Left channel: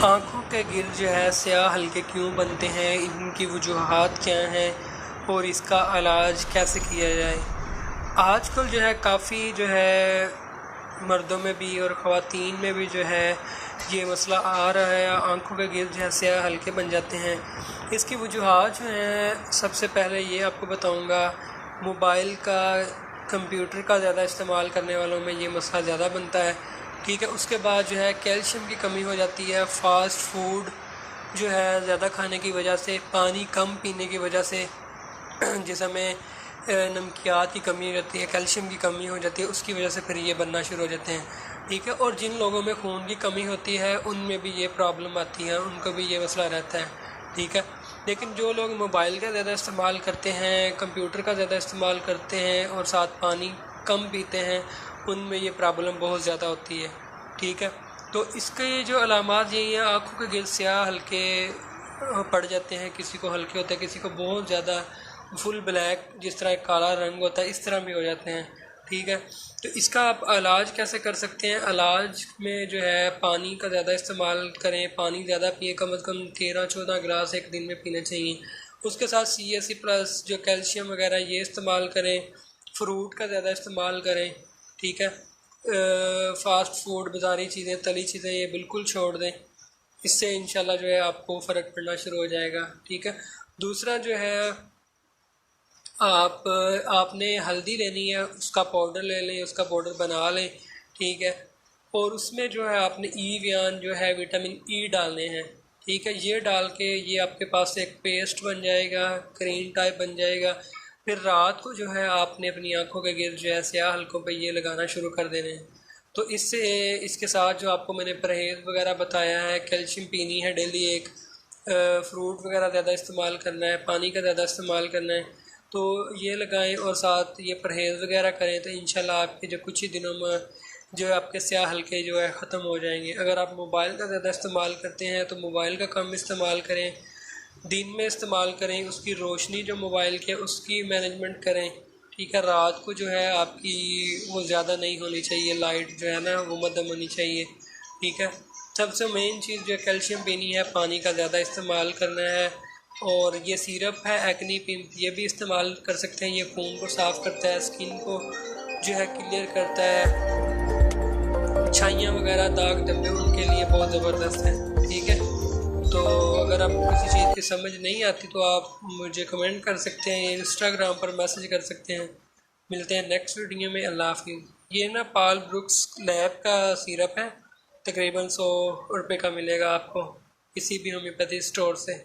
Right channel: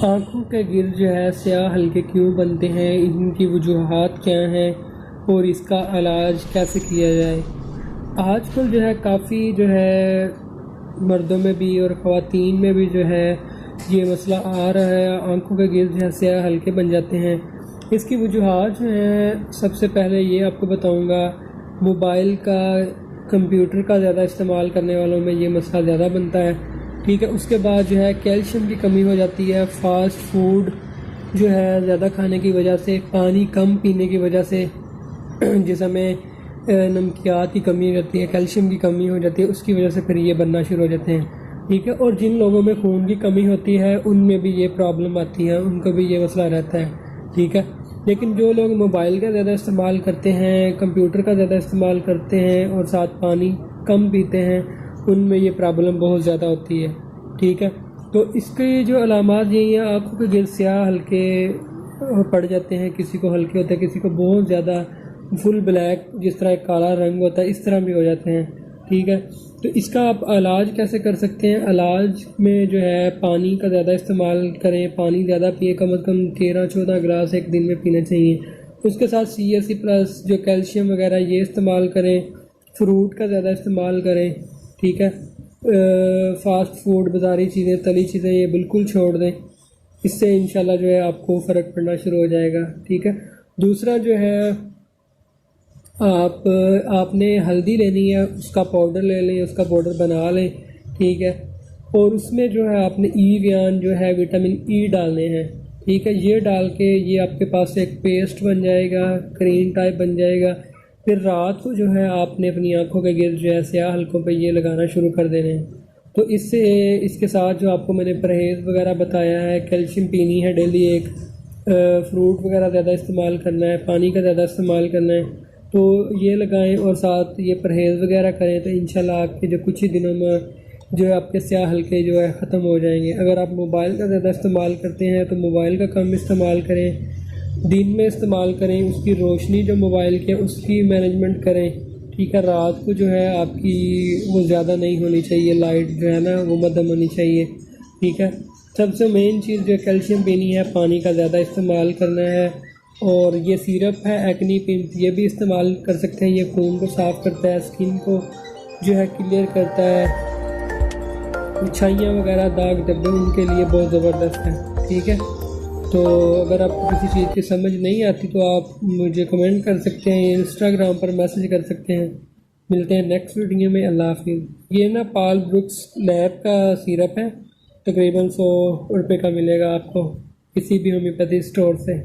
आँखों के गिर जो है स्याह हल्के क्यों बनते हैं, इनकी वजूहात क्या हैं और इसका इलाज कैसे किया जाए। आजकल जो है काफ़ी जो है मर्दों में भी और ख़वातीन में भी जो है ये मसला आ रहा है। आँखों के गिर जो है स्याह हल्के बन जाते हैं। इसकी वजूहात जो हैं, सबसे पहले ये आपको बताऊँगा, मोबाइल का, कंप्यूटर का ज़्यादा इस्तेमाल करने वालों में ये मसला ज़्यादा बनता है। ठीक है, उसके बाद जो है कैल्शियम की कमी हो जाती है, फ़ास्ट फूड जो है ज़्यादा खाने की वजह से, पानी कम पीने की वजह से, जिस हमें नमकियात की कमी हो जाती है, कैल्शियम की कमी हो जाती है, उसकी वजह से फिर ये बनना शुरू हो जाते हैं। ठीक है, और जिन लोगों में खून की कमी होती है उनमें भी ये प्रॉब्लम आती है, उनको भी ये मसला रहता है। ठीक है, लेकिन जो लोग मोबाइल का ज़्यादा इस्तेमाल करते हैं, कंप्यूटर का ज़्यादा इस्तेमाल करते हैं और साथ पानी कम पीते हैं, उनमें ये प्रॉब्लम बहुत ज़्यादा होती है। ठीक है, तो इसके जो अलामात यही हैं, आँखों के गिर स्याह हल्के पड़ जाते हैं, किसी को हल्के होते हैं, किसी को बहुत ज़्यादा फुल ब्लैक, जिस तरह एक काला रंग होता है, इस तरह भी हो जाते हैं। ठीक है, तो इसका आप इलाज कैसे कर सकते हैं। इलाज में जो है पानी का ज़्यादा इस्तेमाल करें, पानी ज़्यादा पिए, कम से कम 13-14 गिलास एक दिन में पीना चाहिए। उसके साथ CSC+ जो कैल्शियम वगैरह ये इस्तेमाल करें, फ्रूट का ज़्यादा इस्तेमाल करें। ठीक है, फ़ास्ट फूड, बाज़ारी चीज़ें, तली चीज़ें ये बिल्कुल छोड़ दें। इससे इंशाल्लाह जो है आपको फ़र्क पड़ना शुरू हो जाएगा। ठीक है, दूसरा जो है आपने हल्दी लेनी है, उसका पाउडर ले लें, उसका पाउडर बना लें। ठीक है, और उसमें जो है आपने ईवियान जो है विटामिन ई डालने हैं। ठीक है, ये डाल के ये आपके पास एक पेस्ट बन जाएगा, क्रीम टाइप बन जाएगा। फिर रात को जो है आपने अपनी आँखों के गिर्द जो है स्याह हल्कों पे ये लगाना शुरू कर देने हैं। तो इससे, इसके साथ जो आपको मैंने परहेज़ वगैरह बताया है, कैल्शियम पीनी है डेली एक, फ्रूट वगैरह ज़्यादा इस्तेमाल करना है, पानी का ज़्यादा इस्तेमाल करना है, तो ये लगाएं और साथ ये परहेज़ वगैरह करें, तो इंशाल्लाह आपके जो कुछ ही दिनों में जो है आपके स्याह हल्के जो है ख़त्म हो जाएंगे। अगर आप मोबाइल का ज़्यादा इस्तेमाल करते हैं तो मोबाइल का कम इस्तेमाल करें, दिन में इस्तेमाल करें, उसकी रोशनी जो मोबाइल की है उसकी मैनेजमेंट करें। ठीक है, रात को जो है आपकी वो ज़्यादा नहीं होनी चाहिए, लाइट जो है ना वो मध्यम होनी चाहिए। ठीक है, सबसे मेन चीज़ जो कैल्शियम पीनी है, पानी का ज़्यादा इस्तेमाल करना है, और ये सिरप है एक्नी पिंप, ये भी इस्तेमाल कर सकते हैं। ये खून को साफ़ करता है, स्किन को जो है क्लियर करता है, छाइयाँ वगैरह, दाग धब्बे, उनके लिए बहुत ज़बरदस्त है। ठीक है, तो अगर आपको किसी चीज़ की समझ नहीं आती तो आप मुझे कमेंट कर सकते हैं, इंस्टाग्राम पर मैसेज कर सकते हैं। मिलते हैं नेक्स्ट वीडियो में। अल्लाह हाफिज़। ये ना पाल ब्रुक्स लैब का सिरप है, तकरीबन 100 रुपये का मिलेगा आपको किसी भी होम्योपैथी स्टोर से।